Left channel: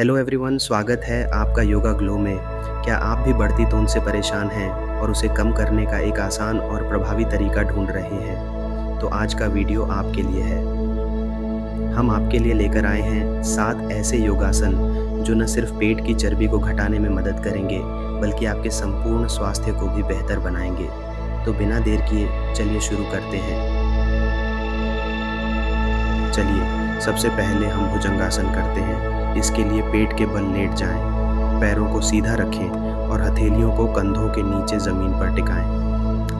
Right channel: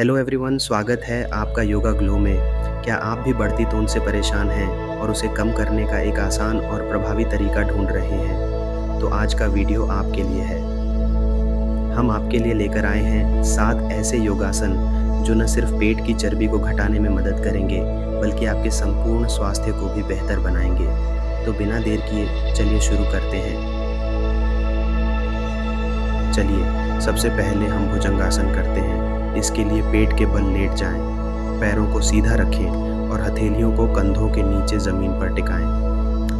Hello everyone, स्वागत है आपका योगा ग्लो में। क्या आप भी बढ़ती तोंद से परेशान हैं और उसे कम करने का एक आसान और प्रभावी तरीका ढूंढ रहे हैं? तो आज का वीडियो आपके लिए है। हम आपके लिए लेकर आए हैं 7 ऐसे योगासन जो न सिर्फ पेट की चर्बी को घटाने में मदद करेंगे, बल्कि आपके संपूर्ण स्वास्थ्य को भी बेहतर बनाएंगे। तो बिना देर किए चलिए शुरू करते हैं। चलिए सबसे पहले हम भुजंगासन करते हैं। इसके लिए पेट के बल लेट जाएं, पैरों को सीधा रखें और हथेलियों को कंधों के नीचे ज़मीन पर टिकाएं।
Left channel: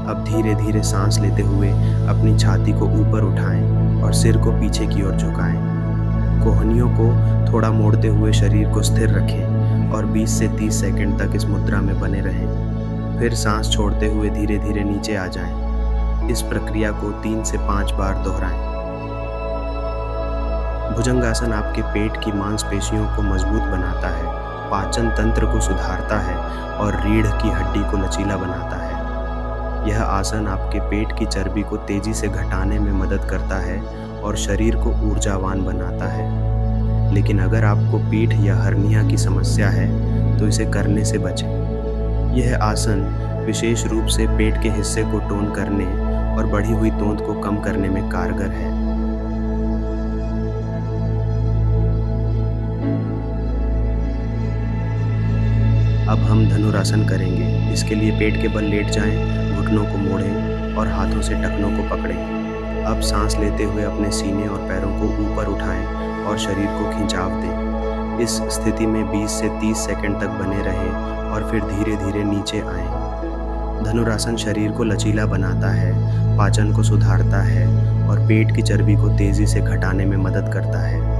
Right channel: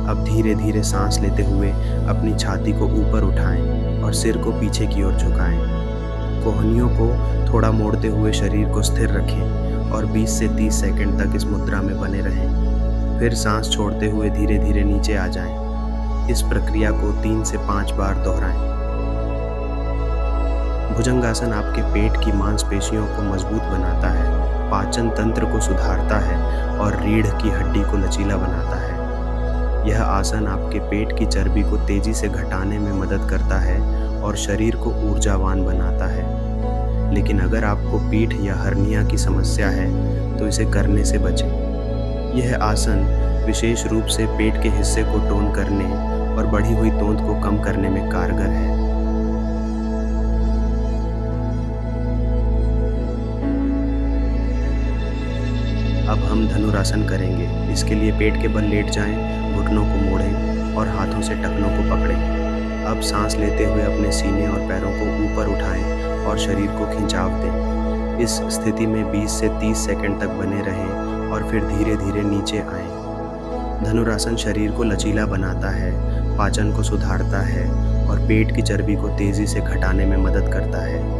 अब धीरे धीरे सांस लेते हुए अपनी छाती को ऊपर उठाएं और सिर को पीछे की ओर झुकाएं। कोहनियों को थोड़ा मोड़ते हुए शरीर को स्थिर रखें और 20 से 30 सेकंड तक इस मुद्रा में बने रहें। फिर सांस छोड़ते हुए धीरे धीरे नीचे आ जाएं। इस प्रक्रिया को 3 से 5 बार दोहराएं। भुजंगासन आपके पेट की मांसपेशियों को मजबूत बनाता है, पाचन तंत्र को सुधारता है और रीढ़ की हड्डी को लचीला बनाता है। यह आसन आपके पेट की चर्बी को तेजी से घटाने में मदद करता है और शरीर को ऊर्जावान बनाता है। लेकिन अगर आपको पीठ या हर्निया की समस्या है तो इसे करने से बचें। यह आसन विशेष रूप से पेट के हिस्से को टोन करने और बढ़ी हुई तोंद को कम करने में कारगर है। अब हम धनुरासन करेंगे। इसके लिए पेट के बल लेट जाएं, घुटनों को मोड़ें और हाथों से टखनों को पकड़ें। अब सांस लेते हुए अपने सीने और पैरों को ऊपर उठाएं और शरीर को खिंचाव दें। इस स्थिति में 20 से 30 सेकंड तक बने रहें और फिर धीरे धीरे नीचे आएं। धनुरासन शरीर को लचीला बनाता है, पाचन को सुधारता है और पेट की चर्बी को तेजी से घटाने में मदद करता है।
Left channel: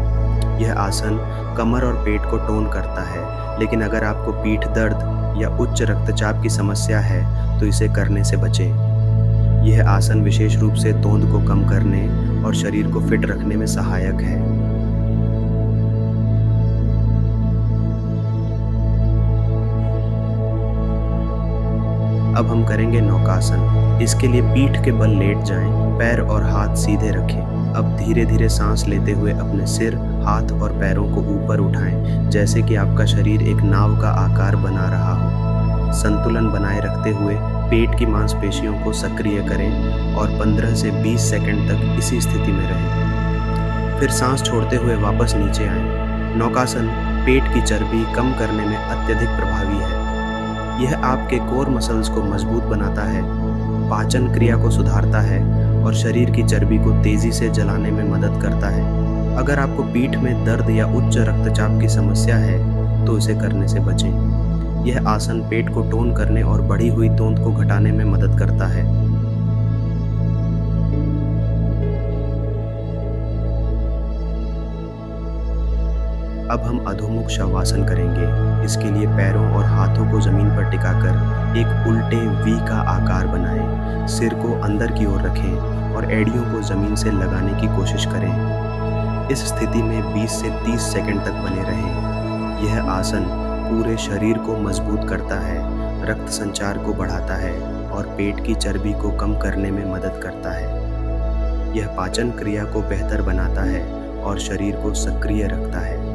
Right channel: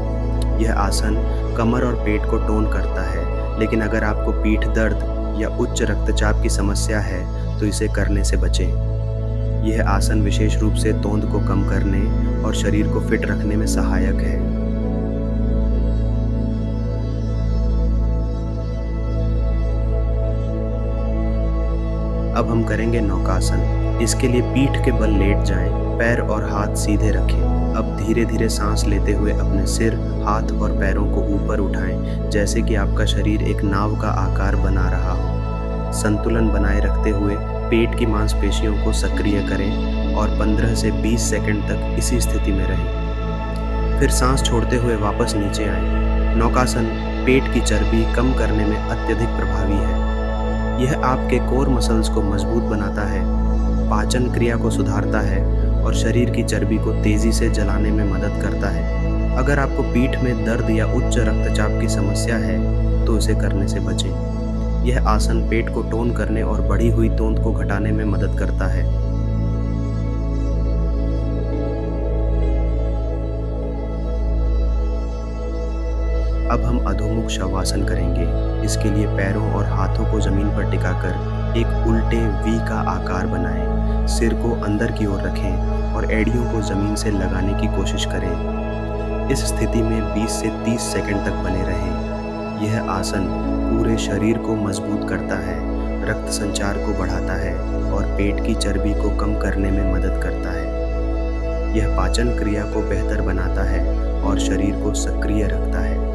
यह आसन कमर और पेट को टोन करता है, लेकिन अगर आपको पीठ दर्द या उच्च रक्तचाप की समस्या है तो इसे करने से बचें। यह आसन विशेष रूप से तोंद को कम करने और शरीर को फिट रखने में सहायक है। अब हम करेंगे नौकासन। इसके लिए पीठ के बल लेट जाएं, पैर और हाथ सीधे रखें। अब धीरे धीरे सांस लेते हुए अपने सिर, हाथ और पैरों को ऊपर उठाएं, जैसे कि आपका शरीर एक नाव का आकार बना रहा हो। संतुलन बनाए रखते हुए पेट की मांसपेशियों को सक्रिय करें और 15 से 20 सेकंड तक इसी स्थिति में रहें। फिर सांस छोड़ते हुए वापस नीचे आएं। नौकासन पेट की चर्बी कम करने में अत्यधिक प्रभावी है। यह आपके कोर मसल्स को मजबूत बनाता है, पाचन क्रिया को सुधारता है और शरीर की चर्बी को तेजी से जलाने में मदद करता है। अगर आपको पीठ में दर्द या उच्च रक्तचाप की समस्या है तो इसे करने से बचें। यह आसन पेट को टोन करने और बढ़ी हुई तोंद को घटाने में मदद करता है। अब हम अधोमुख शवासन करेंगे। इसके लिए पैरों और हाथों को जमीन पर टिकाकर एक उल्टे वी का आकार बनाएं। सिर को अंदर की ओर रखें और एड़ियों को जमीन से लगाने की कोशिश करें। इस स्थिति में 20 से 30 सेकंड तक बने रहें। यह आसन पूरे शरीर को मजबूत करता है, रक्त संचार को बढ़ाता है और पेट की चर्बी को कम करने में मदद करता है। यह पाचन क्रिया को बेहतर बनाता है और शरीर को सक्रिय रखता है।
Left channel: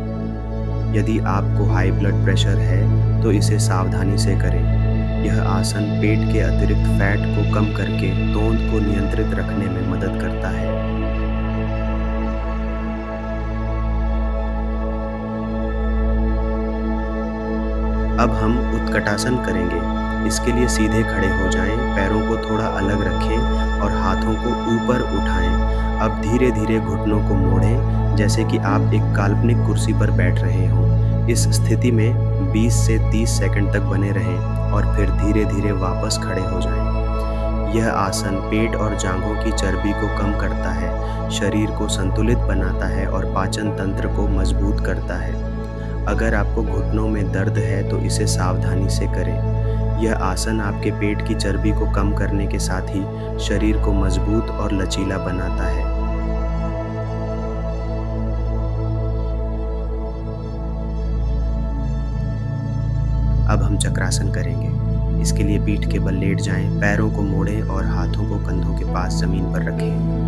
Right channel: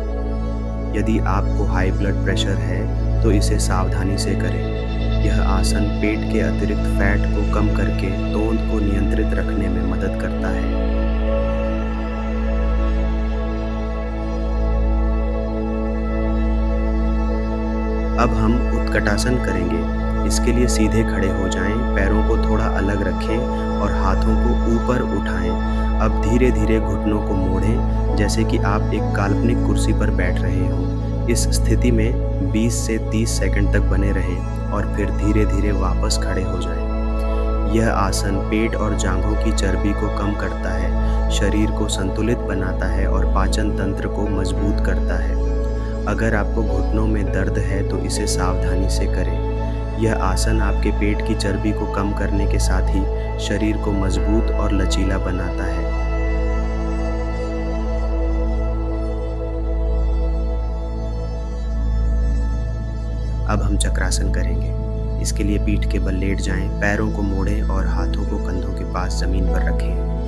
यदि आपको हाई ब्लड प्रेशर है तो इसे सावधानी से करें। यह आसन पेट के अतिरिक्त फैट को कम करके तोंद को नियंत्रित रखने में मदद करता है। अब हम उत्कटासन करेंगे। इसके लिए सीधे खड़े हो जाएं, पैरों को थोड़ा अलग रखें और हाथों को ऊपर उठाएं। अब धीरे धीरे घुटनों को मोड़ें, जैसे कि आप एक काल्पनिक कुर्सी पर बैठ रहे हों। इस स्थिति में 20 से 30 सेकंड तक बने रहें और फिर धीरे धीरे वापस खड़े हो जाएं। यह आसन पेट और जांघों की चर्बी को कम करता है, शरीर को संतुलित बनाता है और पाचन तंत्र को मजबूत करता है। अगर आपको घुटनों में दर्द है तो इसे सावधानी से करें। यह आसन आपके पेट की चर्बी को कम करने के साथ ही शरीर को मजबूत और लचीला बनाता है। अब हम चक्रासन करेंगे। इसके लिए पीठ के बल लेट जाएं, पैरों को मोड़ें और हाथों को कंधों के पास जमीन पर रखें।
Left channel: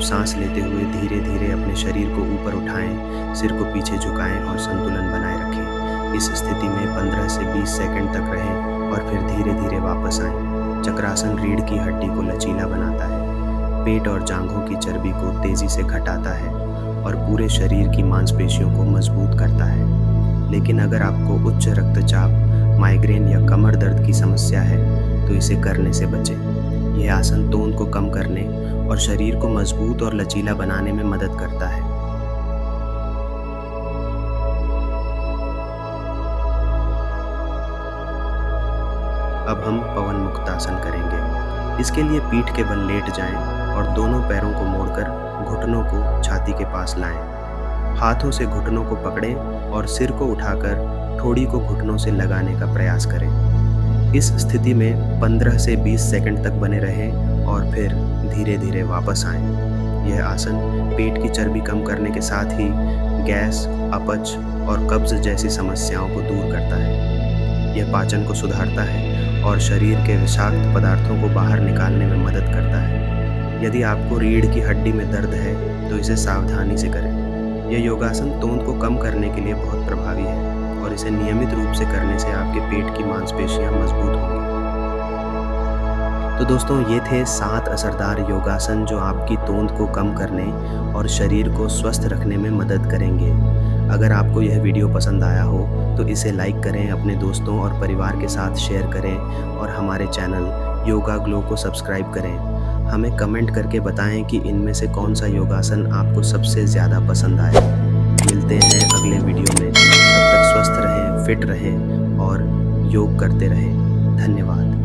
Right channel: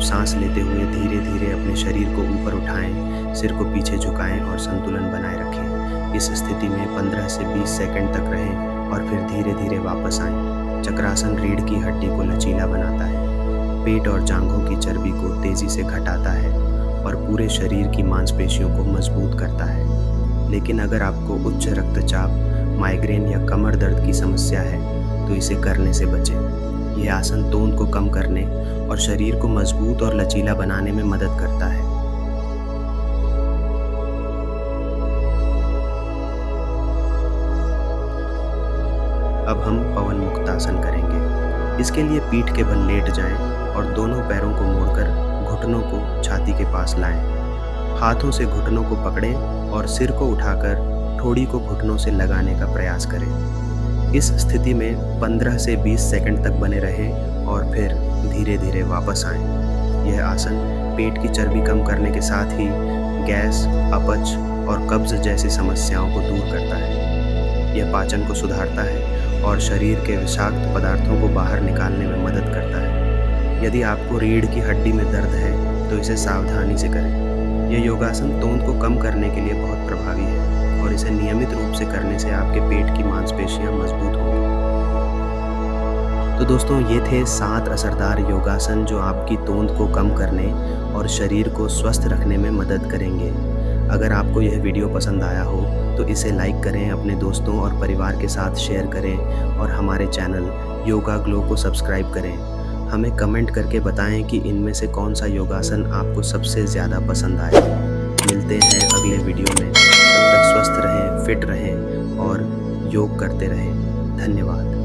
सांस लेते हुए धीरे धीरे अपने शरीर को ऊपर उठाएं, सिर को पीछे झुकाएं और संतुलन बनाए रखें। इस स्थिति में 15 से 20 सेकंड तक रहें और फिर धीरे धीरे वापस आएं। चक्रासन रीढ़ की हड्डी को लचीला बनाता है, पेट और जांघों की चर्बी को तेजी से घटाता है और पूरे शरीर की मांसपेशियों को मजबूत करता है। लेकिन अगर आपको उच्च रक्तचाप, माइग्रेन या कमर दर्द की समस्या है तो इसे करने से बचें। यह आसन तोंद को कम करने और शरीर को मजबूत और लचीला बनाने में मदद करता है। अब हम पवन मुक्तासन करेंगे। इसके लिए पीठ के बल लेट जाएं और दोनों पैरों को मोड़कर घुटनों को छाती के पास लाएं। हाथों से घुटनों को पकड़ें और सिर को उठाकर ठोड़ी को घुटनों से लगाने का प्रयास करें। इस स्थिति में 15 से 20 सेकंड तक बने रहें और फिर धीरे धीरे वापस आएं। यह आसन पेट की चर्बी कम करने के साथ ही गैस, अपच और कब्ज जैसी समस्याओं को दूर करता है। यह पाचन को सुधारता है और शरीर के विषाक्त पदार्थों को बाहर निकालने में मदद करता है। यदि आपको रीढ़ की हड्डी में दर्द है तो इसे सावधानी से करें। यह योगासन तोंद को कम करने के लिए बहुत प्रभावी है और इसे नियमित रूप से करने से आपके पेट की मांसपेशियां मजबूत होंगी। तो दोस्तों, ये थे 7 असरदार योगासन जो आपकी तोंद को कम करने और शरीर को स्वस्थ रखने में मदद करेंगे। अगर आपको यह वीडियो पसंद आया हो तो इसे लाइक करें, अपने दोस्तों और परिवार के साथ शेयर करें और हमारे चैनल योगा ग्लो को सब्सक्राइब करें। हमें कमेंट करके बताएं कि इनमें से कौन सा योगासन आपको सबसे ज़्यादा पसंद आया। मिलते हैं अगले वीडियो में। तब तक स्वस्थ रहें, फिट रहें और योग करते रहें। धन्यवाद।